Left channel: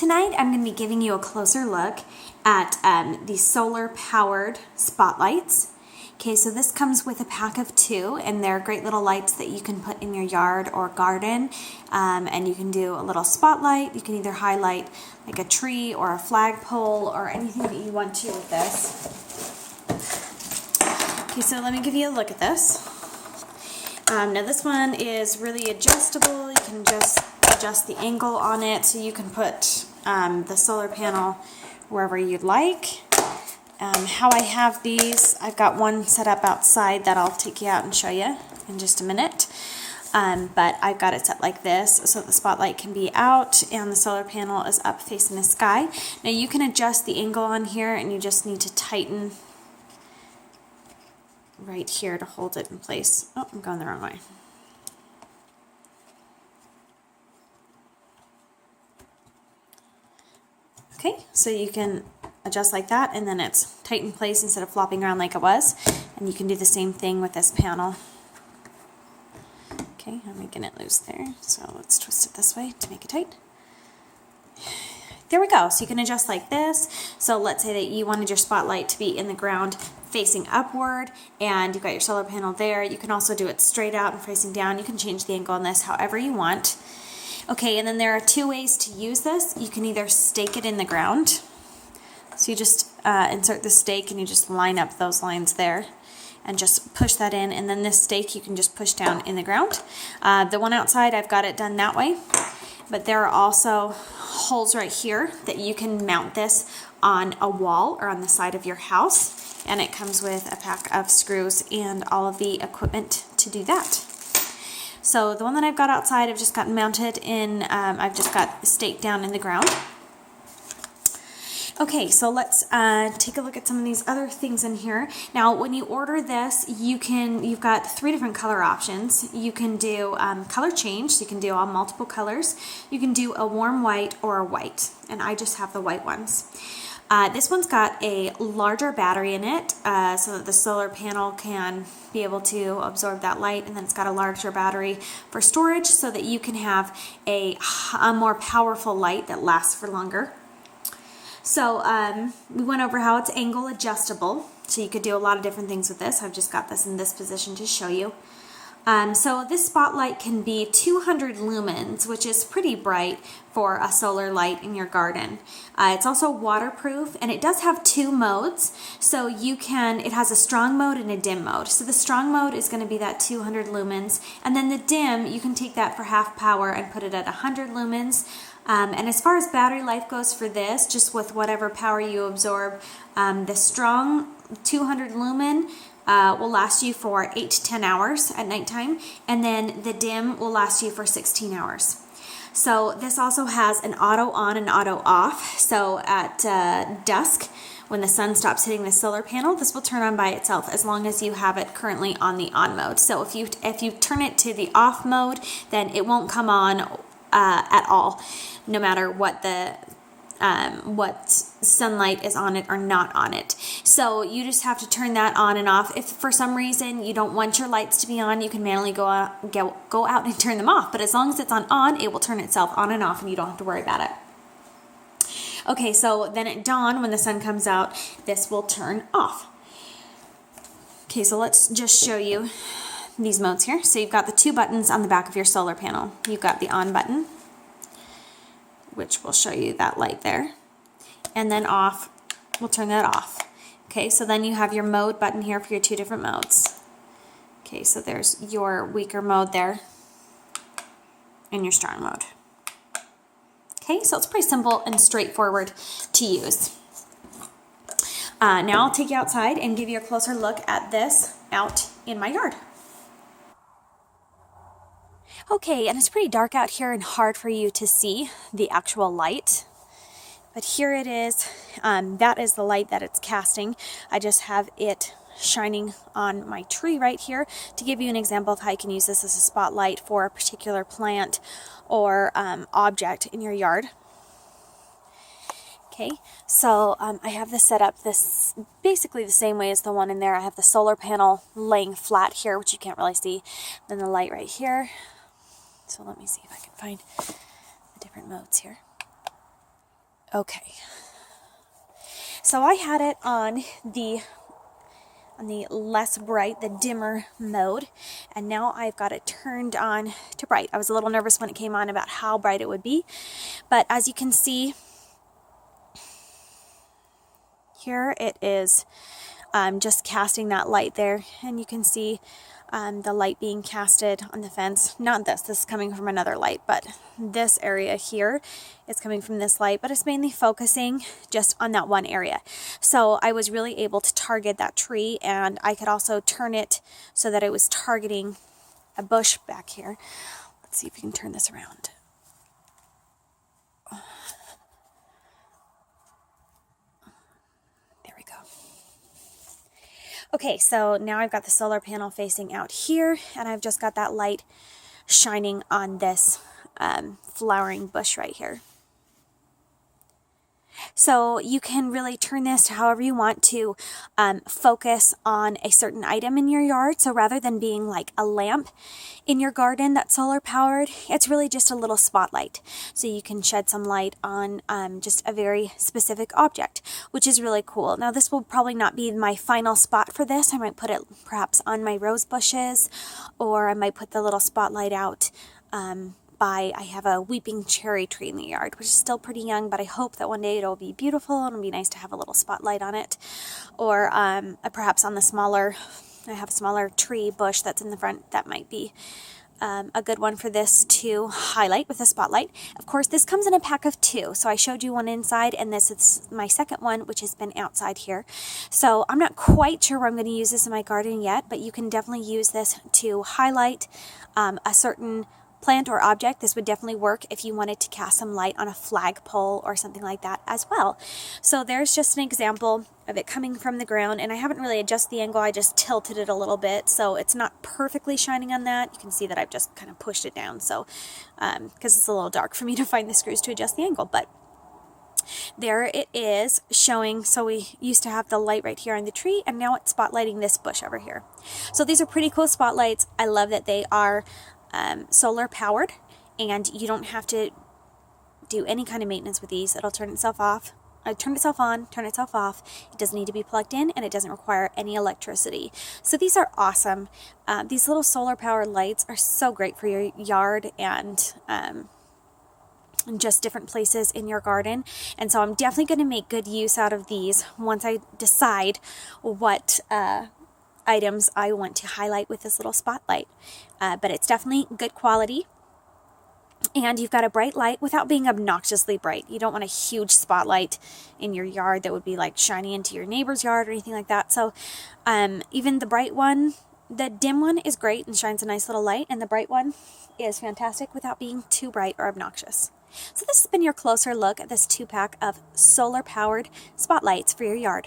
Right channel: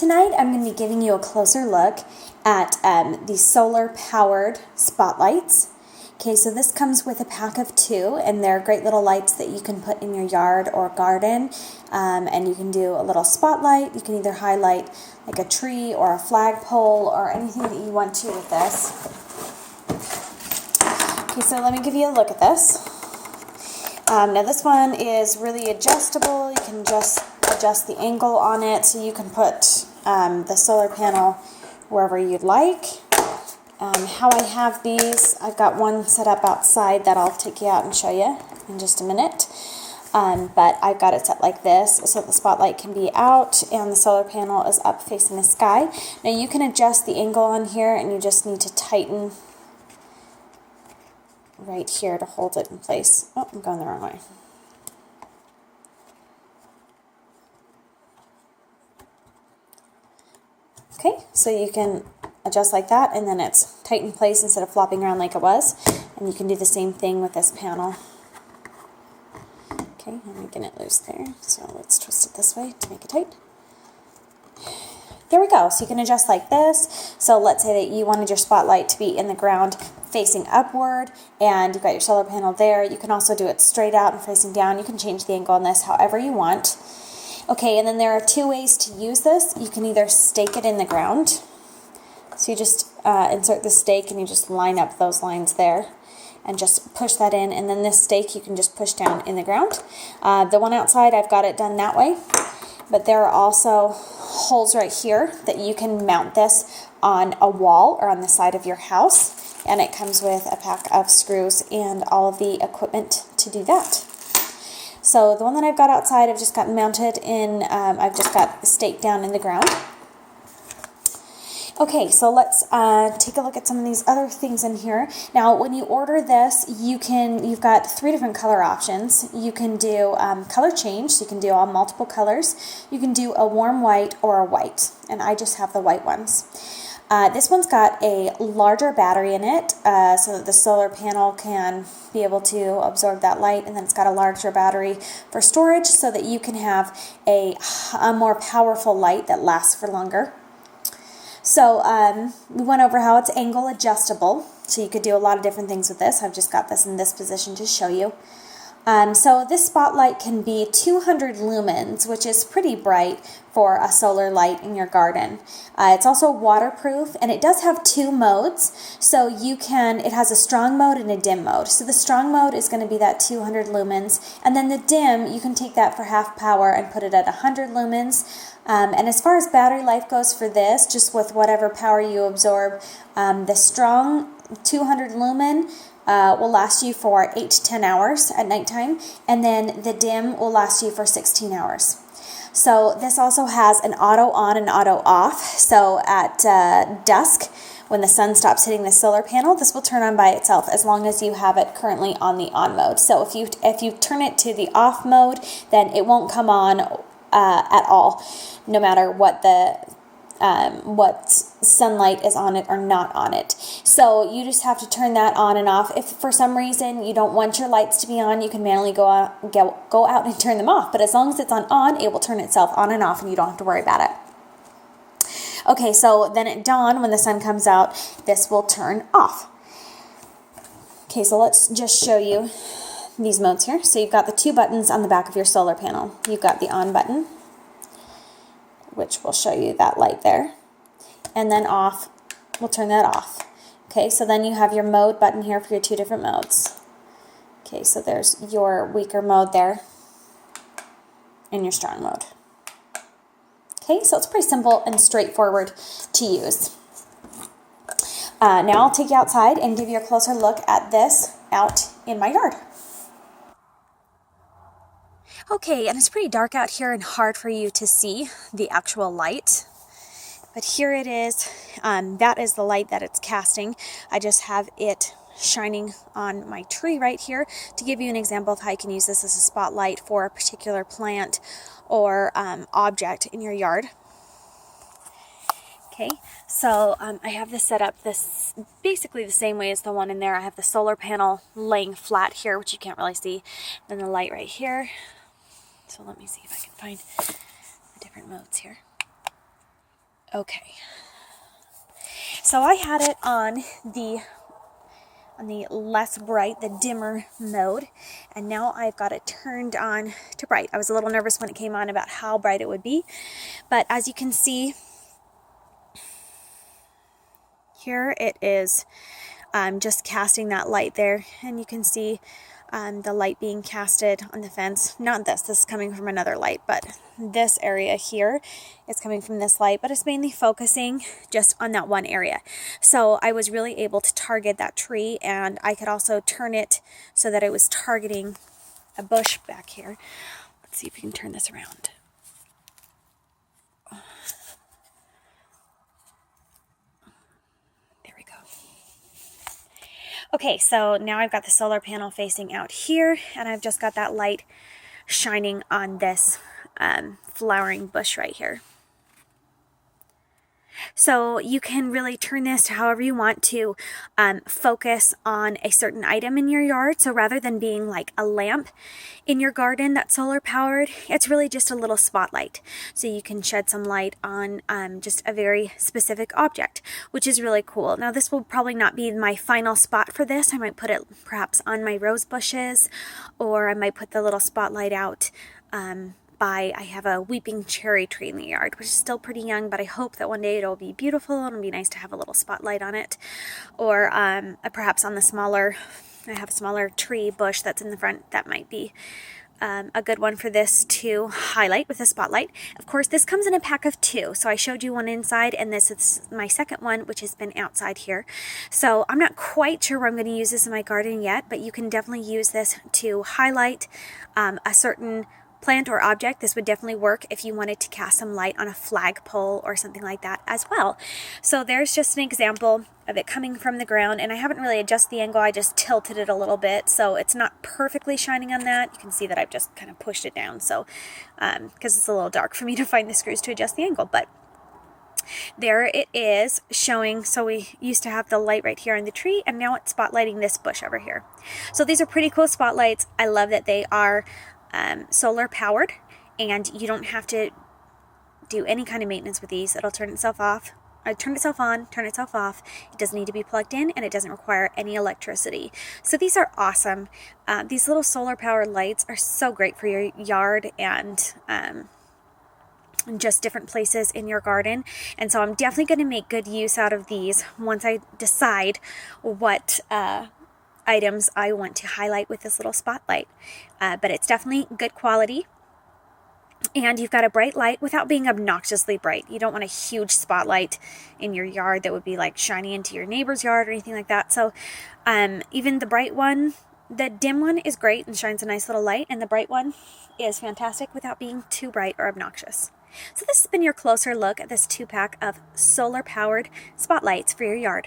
Tonight I'm going to be giving you a closer look at the solar powered spotlights. Okay, so this comes with a pack of 2, and they're great little lights that you can put in your yard or garden, and you can do a little spotlight. You can either highlight like a tree or a flagpole or anything that you want to with this. Okay, so let me give you a look at this. Now this one is really adjustable. You can just adjust the angle on it, so you can put the solar panel wherever you'd like. How I have these, I've got one set up outside that I'll take you out and show you in just a minute. But I've got it set like this so the spotlight can be out and the solar panel is up facing the sky. Now you can adjust the angle on here, and you just need to tighten right here to hold it in place. Oh, I'm going the wrong way. Okay, so you can adjust like that, and then it's tight in place instead of flopping around like it was. And you can do the same thing with this panel. Okay, I'm making it loose there, so let's twist it this way to make it tight. There we go. So you can adjust like this. So let's say that you wanted your spotlight to be in the ground facing upward, and you've got your solar panel there. You can also do it straight out and facing down. You can change the angle on this however you want. Okay, and then there are 2 ways to use this. You can either stake it in the ground. So you just insert the stake and you just line up those lines there and just push that in, and then this stake you can just push down in the ground. The one outside, I've got it done that way, but there are also holes right here that you can mount this on a wall or on the side of your house, and it comes with a pack of screws and all of the equipment to do that. So the one that I've got outside, I've just got mounted in, I've just got the stake down in the ground. Okay, so let's take a look at some of these other things in here. Now, when you order this, you've got 3 different color options. You can do color change, so you can do all multiple colors. You can do a warm white or a white, and I just have the white ones. This one's got a larger battery in it, so that the solar panel can be able to absorb that light, and then it's got a larger battery for storage so that you can have a more powerful light that lasts for longer. So we went over how it's angle adjustable, so you could do a lot of different things with this. I've just got this in this position to show you. So this spotlight can be 200 lumens, which is pretty bright for a solar light in your garden. It's also waterproof, and it does have 2 modes. So it has a strong mode and a dim mode. So the strong mode is going to be that 200 lumens, and then the dim, you can take that for half power and put it at 100 lumens. And as far as battery life goes for this, just with whatever power you absorb, the strong 200 lumen will last you for 8 to 10 hours at nighttime, and then the dim will last you for 16 hours. So this also has an auto on and auto off. So at dusk, when the sun stops hitting the solar panel, this will turn on by itself as long as you have it currently on the on mode. So if you turn it to the off mode, then it won't come on at all, no matter what what sunlight is on it or not on it. So you just have to turn that on and off. If for some reason you don't want your lights to be on, you can manually go out and turn them off. But as long as it's on, it will turn itself on and off, and you don't have to worry about it. Okay, so then at dawn, when the sun comes out, this will turn off. Okay, so let's just show you these modes here. So you've got the 2 buttons on the back of your solar panel. You've got the on button, which will show you that light there, and then off will turn that off. Okay, so then you have your mode button here for your 2 different modes. Okay, so there's your weaker mode there and your strong mode. Okay, so it's pretty simple and straightforward to use. Now I'll take you outside and give you a closer look at this out in my yard. Okay, and it's pretty dark out here and hard for you to see the actual light, but here it is. That is the light that it's casting. I just have it shining on my tree right here to give you an example of how you can use this as a spotlight for a particular plant or object in your yard. Okay, so I have this set up this basically the same way as the one in there. I have the solar panel laying flat here, which you can't really see, then the light right here. So let me see if I can find the different modes here. Okay. So I had it on the less bright, the dimmer mode, and now I've got it turned on to bright. I was a little nervous when it came on about how bright it would be, but as you can see here, it is just casting that light there, and you can see the light being casted on the fence. Not this is coming from another light, but this area here is coming from this light, but it's mainly focusing just on that one area. So I was really able to target that tree, and I could also turn it so that it was targeting a bush back here. Let's see if we can turn this around. There we go. Okay, so now I've got the solar panel facing out here, and I've just got that light shining on this flowering bush right here. So you can really turn this to however you want to focus on a certain item in your yard. So rather than being like a lamp in your garden that's solar powered, it's really just a little spotlight. So you can shed some light on just a very specific object, which is really cool. Now this will probably not be my final spot for this. I might put it perhaps on my rose bushes, or I might put the little spotlight out I have a weeping cherry tree in the yard, which is still pretty young, but I hope that one day it'll be beautiful and it'll be nice to have a little spotlight on it. Or perhaps on the smaller, I have a smaller tree bush that's in the front that might be a good one for this to highlight with a spotlight. Of course, this comes in a pack of 2. So I showed you one inside, and this is my second one, which has been outside here. So I'm not quite sure where I'm going to use this in my garden yet, but you can definitely use this to highlight a certain plant or object. This would definitely work if you wanted to cast some light on a flagpole or something like that as well. So there's just an example of it coming from the ground, and I haven't really adjusted the angle. I just tilted it a little bit, so it's not perfectly shining on that. You can see that I've just kind of pushed it down, so because it's a little dark for me to find the screws to adjust the angle, but there it is showing. So we used to have the light right here on the tree, and now it's spotlighting this bush over here. So these are pretty cool spotlights. I love that they are solar powered, and you don't have to do any kind of maintenance with these. It'll turn itself off, turn itself on, turn itself off. It doesn't need to be plugged in, and it doesn't require any electricity. So these are awesome. These little solar powered lights are so great for your yard and just different places in your garden. And so I'm definitely going to make good use out of these once I decide what items I want to highlight with this little spotlight. But it's definitely good quality, and you've got a bright light without being obnoxiously bright. You don't want a huge spotlight in your yard that would be like shining into your neighbor's yard or anything like that. So even the bright one, the dim one is great and shines a nice little light, and the bright one is fantastic without being too bright or obnoxious. So this has been your closer look at this 2-pack of solar powered spotlights for your yard.